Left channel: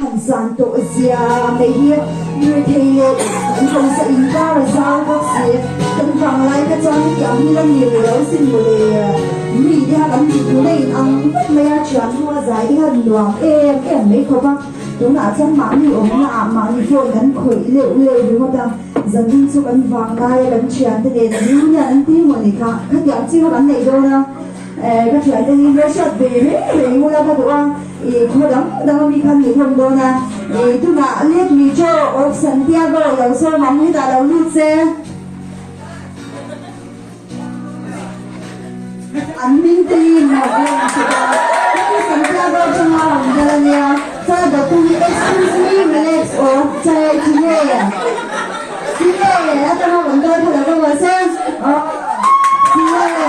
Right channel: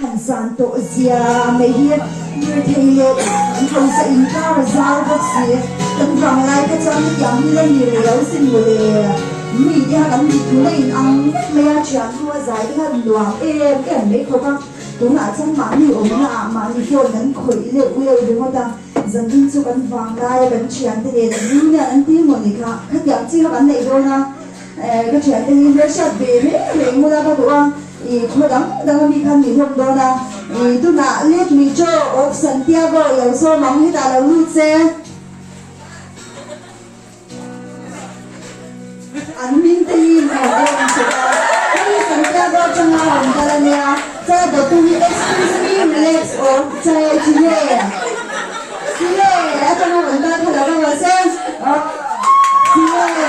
Hành sản tổ dìa mấy hiệp Người thầy lệ Không sẽ ý cao là giao gốc xế Tân vàng lại các cháu như kéo như lên nhiều léo xin người lệ Mì đi hạ gắn thịt nó lên ăn Mê á chán thua giải đi hạ đoàn em mấy khổ bác Đúng là chẳng mạng như ống lạ mạng như phồn gắn khởi liệu đúng không ta Dần đi cho gắn vàng lại gắn chán thế để như nhận ăn tiếng một người khác Các kéo chứ hạ gắn này đâu na Các chán thế hình rơi sạch về ngô ra các đồ ăn Khổ đắng mi khăn mi không đâu na Tu ngạ liết mi cho ốc Santiago yếu sâu mong hết ta lâu lút xe Anh minh tin ở đây Santiago trong hoa hồng ra lên nha Sa đồ tu excuse me relax ổ Chai chile Chile trong hoa hồng ta thôi là bao giờ xem Chile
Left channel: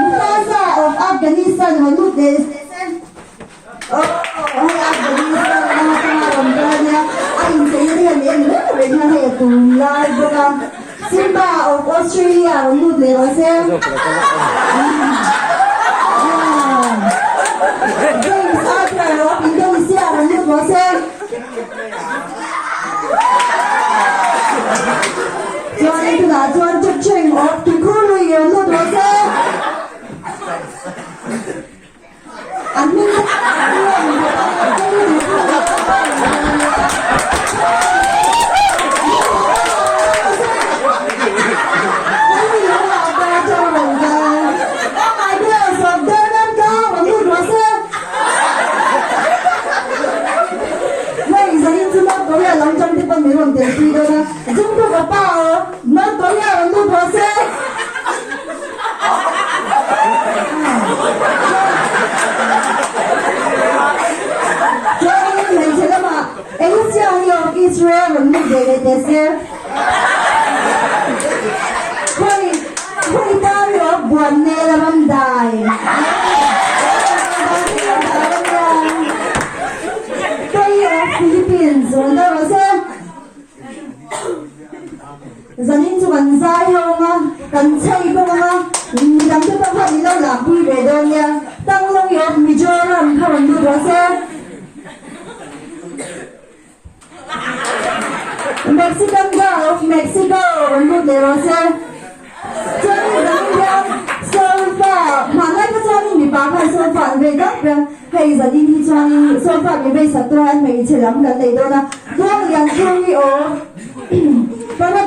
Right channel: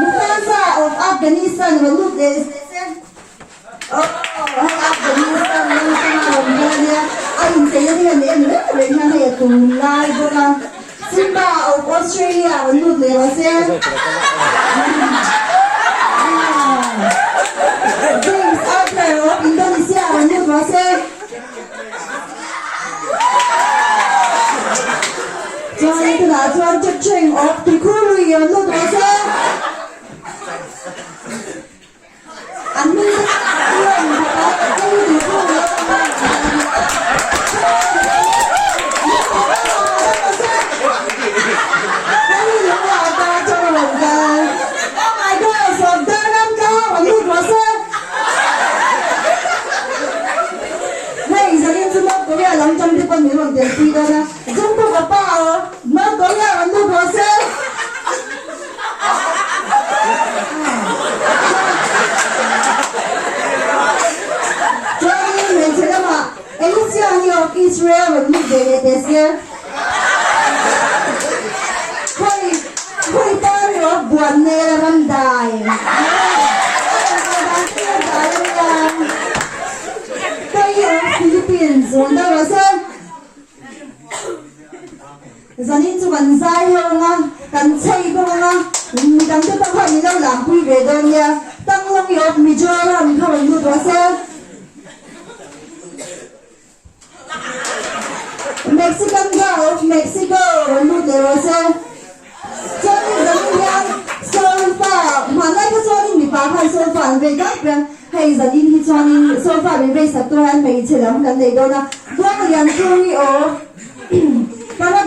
Mufasa of Afghanistan và lút để xem Afghanistan trong hoa hồng ra lên nha Anh sẽ đi hành đến rất là bên nhà này cùng lai vô năng Simba of Australia và lút để xem James Arthur of Indonesia và lút để xem John Anthony John Chacheng of Tikuri và lút để xem Anh minh đi đâu nè, chúng tôi gặp bao, nó tối nhà vẫn luôn có xe. Cho nên mình sẽ mà, em lúc xưa nhiều Israel vẫn luôn để xe. Khôi ta thì nó buồn nè là văn đài. Đây ở Philippines, rồi đâu có xe. Zanin cho mình dai hơn á, cần xây không á, đám cho tăng hơn lâu làm quy về đơn nha, tăng lông yếu mì cho làm không mình mua xe. Mexican girl of Mexico mua để xe. Cho nên zanin nha, sofa, mà lại cái cho nên bị phá phải sofa về đất về, hay zanin thì cho nên sofa về satu han mình sẽ làm cái này đâu na, qua một lần tôi ở, para